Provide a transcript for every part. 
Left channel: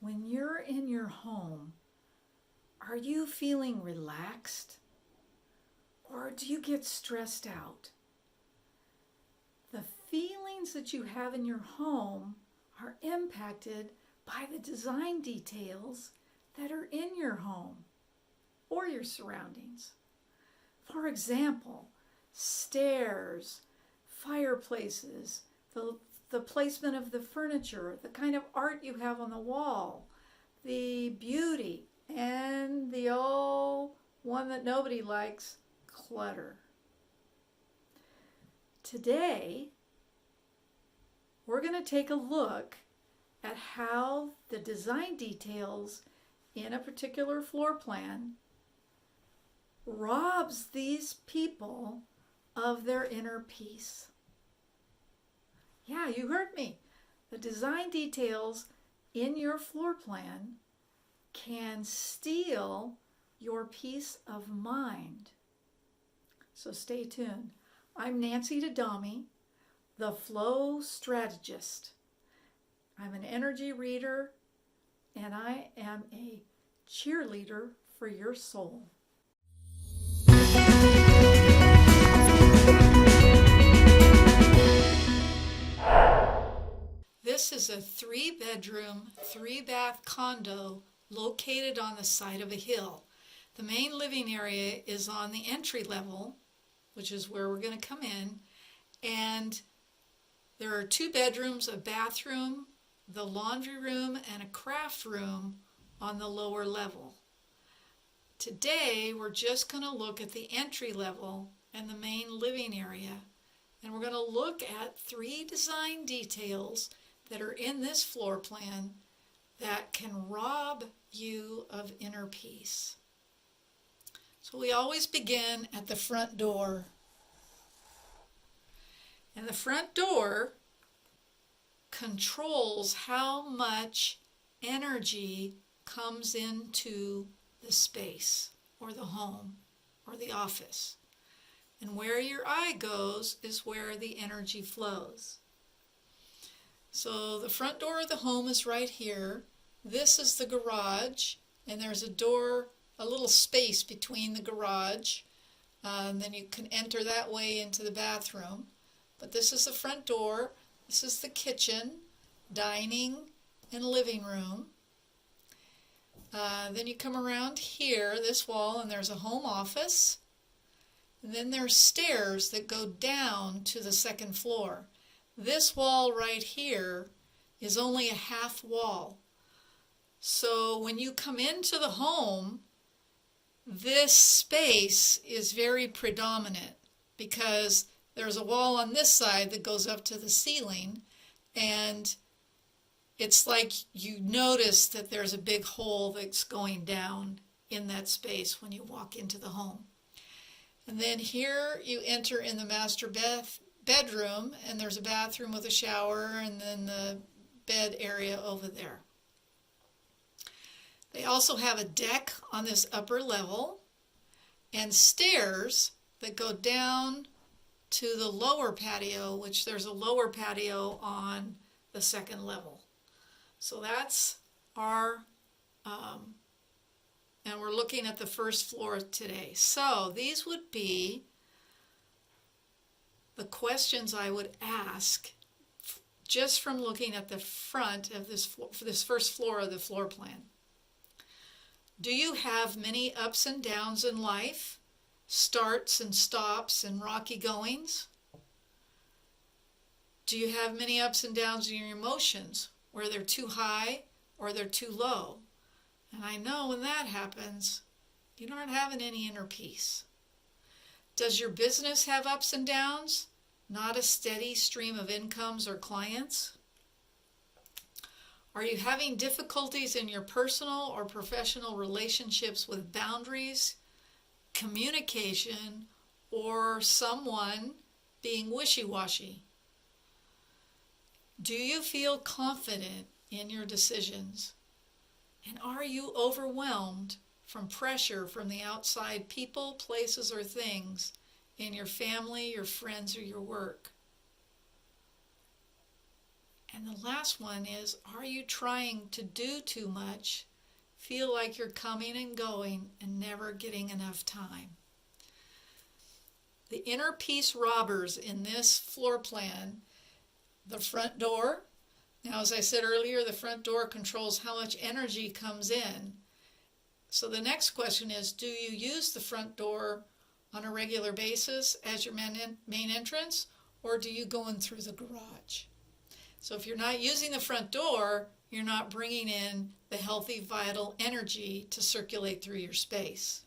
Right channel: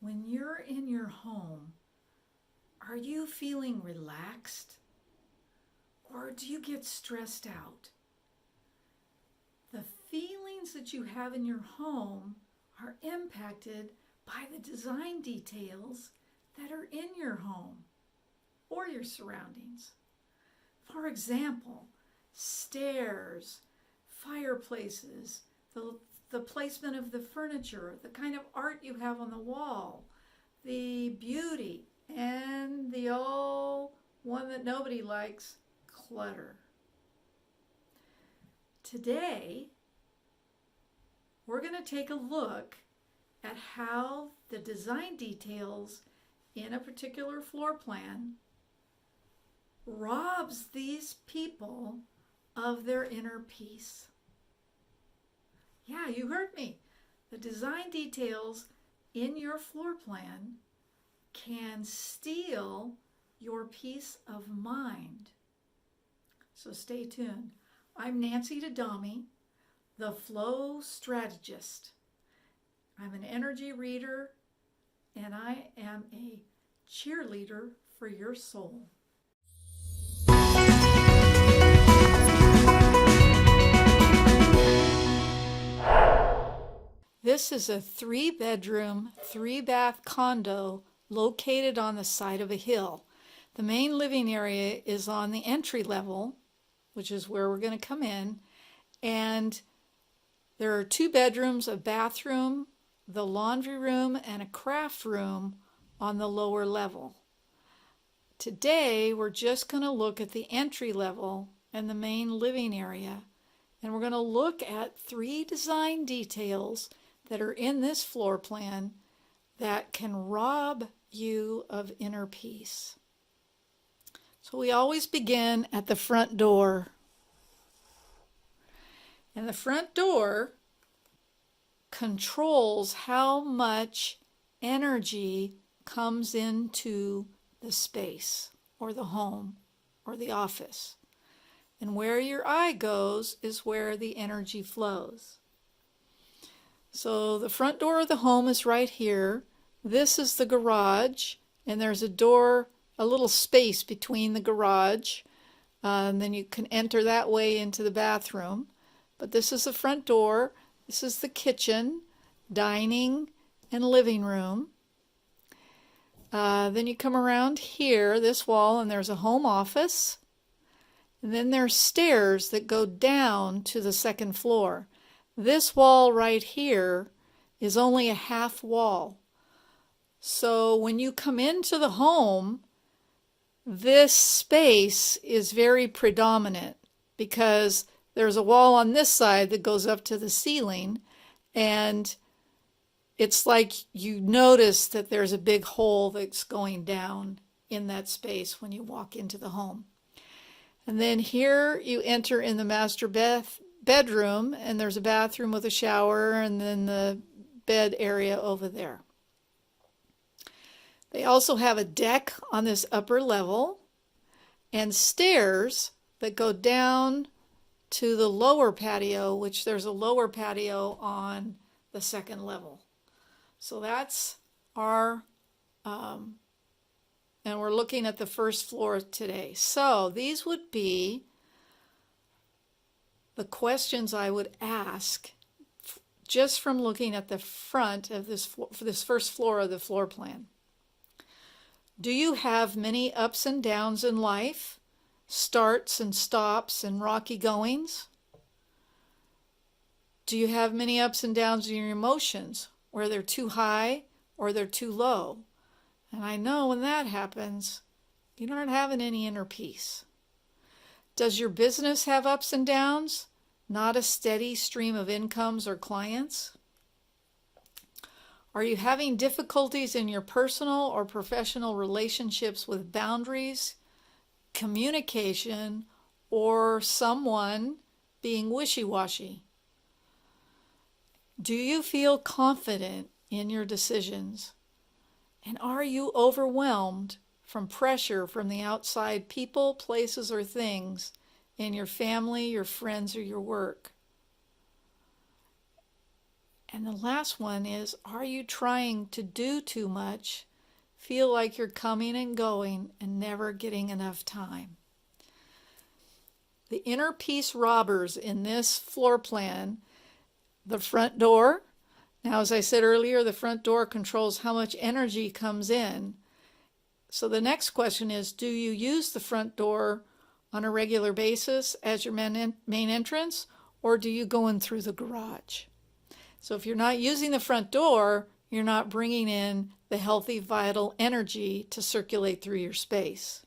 When you're in your home, are you feeling relaxed or do you get stressed out? The feelings that you have in your home are impacted by the design details that are in your home or your surroundings. For example, stairs, fireplaces, the placement of the furniture, the kind of art you have on the wall, the beauty, and the old one that nobody likes, clutter. Today, we're going to take a look at how the design details in a particular floor plan robs these people of their inner peace. Yeah, you heard me. The design details in your floor plan can steal your peace of mind. So stay tuned. I'm Nancy Dadami, the Flow Strategist. I'm an energy reader and I am a cheerleader for your soul. This is a 3-bedroom, 3-bath condo located on the side of a hill. The main living area is on the entry level, which is where we're going to come in, and there are 2 bedrooms, a bathroom, the laundry room, and a craft room on the lower level. Today, we're just going to look at the entry level and the main living area, and we're going to look at 3 design details that are in this floor plan that can rob you of inner peace. So we always begin at the front door. And the front door controls how much energy comes into the space or the home or the office. And where your eye goes is where the energy flows. So the front door of the home is right here. This is the garage, and there's a door, a little space between the garage, and then you can enter that way into the bathroom. But this is the front door. This is the kitchen, dining, and living room. Then you come around here, this wall, and there's a home office. And then there's stairs that go down to the second floor. This wall right here is only a half wall. So when you come into the home, this space is very predominant because there's a wall on this side that goes up to the ceiling, and it's like you notice that there's a big hole that's going down in that space when you walk into the home. And then here you enter in the master bedroom, and there's a bathroom with a shower, and then the bed area over there. They also have a deck on this upper level and stairs that go down to the lower patio, which there's a lower patio on the second level. So that's our, and we're looking at the first floor today. So these would be the questions I would ask just from looking at the front of this first floor of the floor plan. Do you have many ups and downs in life, starts and stops and rocky goings? Do you have many ups and downs in your emotions, where they're too high or they're too low? And I know when that happens, you're not having any inner peace. Does your business have ups and downs? Not a steady stream of incomes or clients? Are you having difficulties in your personal or professional relationships with boundaries, communication, or someone being wishy-washy? Do you feel confident in your decisions? And are you overwhelmed from pressure from the outside people, places, or things in your family, your friends, or your work? And the last one is, are you trying to do too much, feel like you're coming and going and never getting enough time? The inner peace robbers in this floor plan, the front door. Now, as I said earlier, the front door controls how much energy comes in. So the next question is, do you use the front door on a regular basis as your main entrance, or do you go in through the garage? So if you're not using the front door, you're not bringing in the healthy, vital energy to circulate through your space.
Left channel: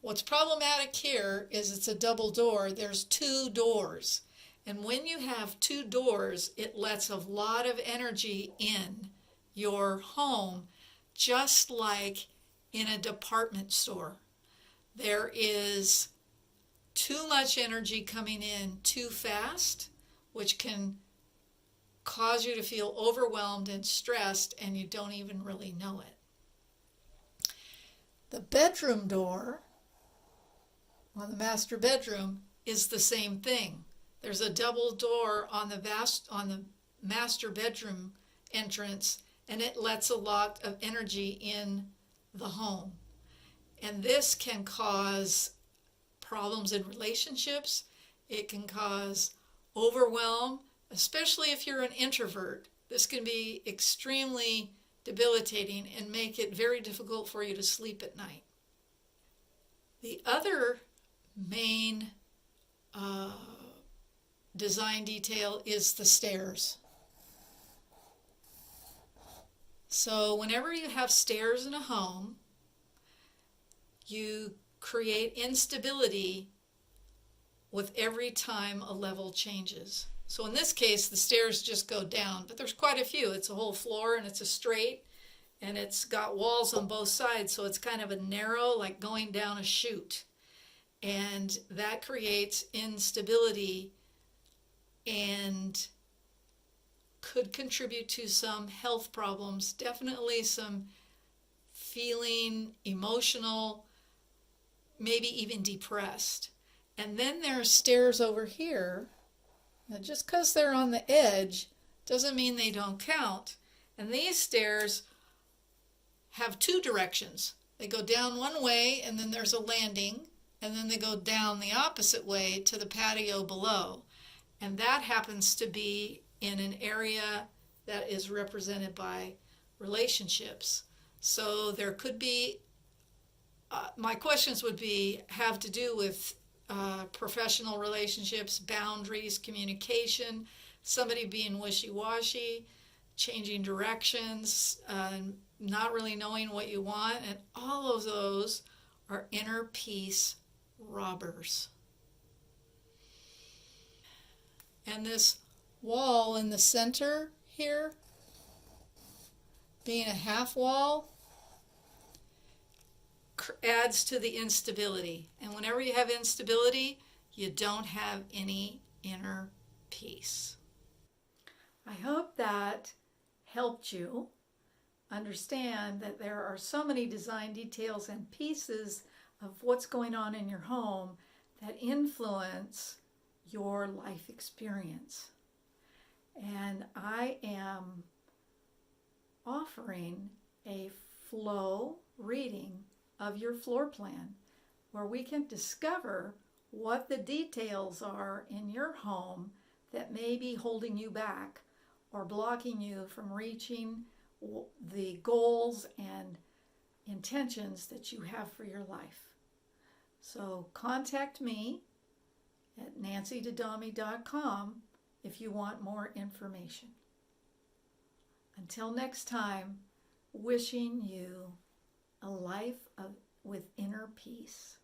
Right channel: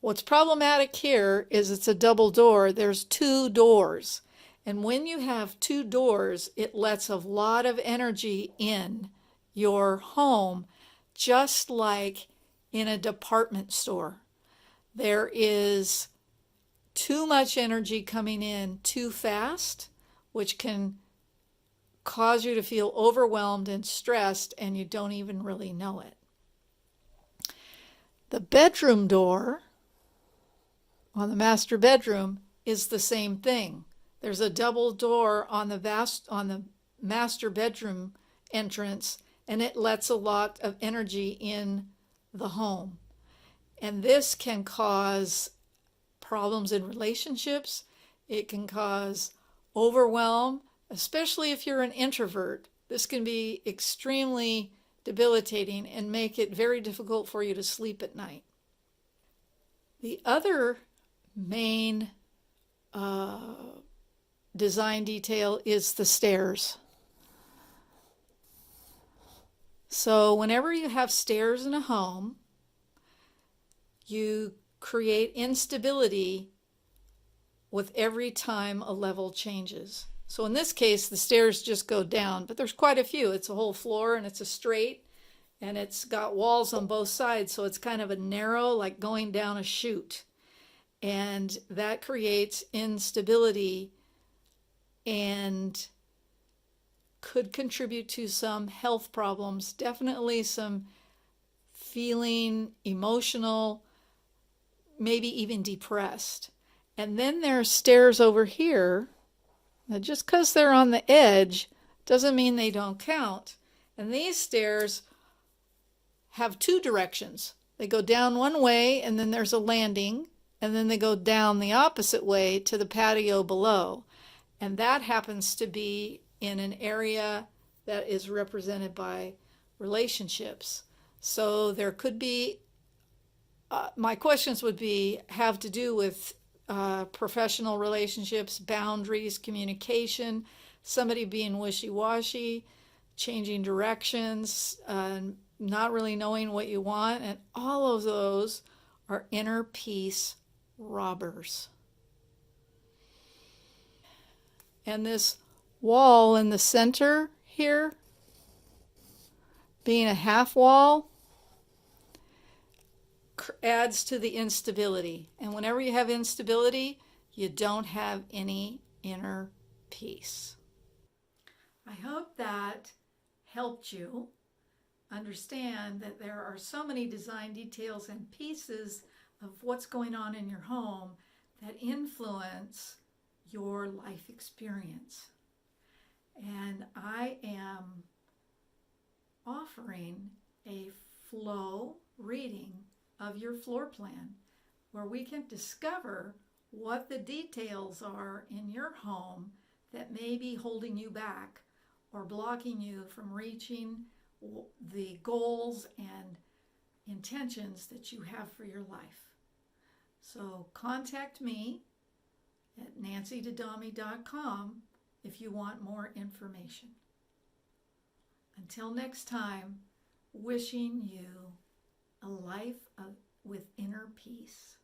What's problematic here is it's a double door. There's two doors. And when you have two doors, it lets a lot of energy in your home, just like in a department store. There is too much energy coming in too fast, which can cause you to feel overwhelmed and stressed, and you don't even really know it. The bedroom door on the master bedroom is the same thing. There's a double door on the master bedroom entrance, and it lets a lot of energy in the home. And this can cause problems in relationships. It can cause overwhelm, especially if you're an introvert. This can be extremely debilitating and make it very difficult for you to sleep at night. The other main design detail is the stairs. So whenever you have stairs in a home, you create instability with every time a level changes. So in this case, the stairs just go down, but there's quite a few. It's a whole floor, and it's a straight, and it's got walls on both sides, so it's kind of a narrow, like going down a chute. And that creates instability and could contribute to some health problems, definitely some feeling emotional, maybe even depressed. And then there's stairs over here. Now, just because they're on the edge doesn't mean they don't count. And these stairs have two directions. They go down one way, and then there's a landing, and then they go down the opposite way to the patio below. And that happens to be in an area that is represented by relationships. So there could be, my questions would have to do with professional relationships, boundaries, communication, somebody being wishy-washy, changing directions, not really knowing what you want, and all of those are inner peace robbers. And this wall in the center here, being a half wall, adds to the instability. And whenever you have instability, you don't have any inner peace. I hope that helped you understand that there are so many design details and pieces of what's going on in your home that influence your life experience. And I am offering a flow reading of your floor plan where we can discover what the details are in your home that may be holding you back or blocking you from reaching the goals and intentions that you have for your life. So contact me at nancydadami.com if you want more information. Until next time, wishing you a life with inner peace.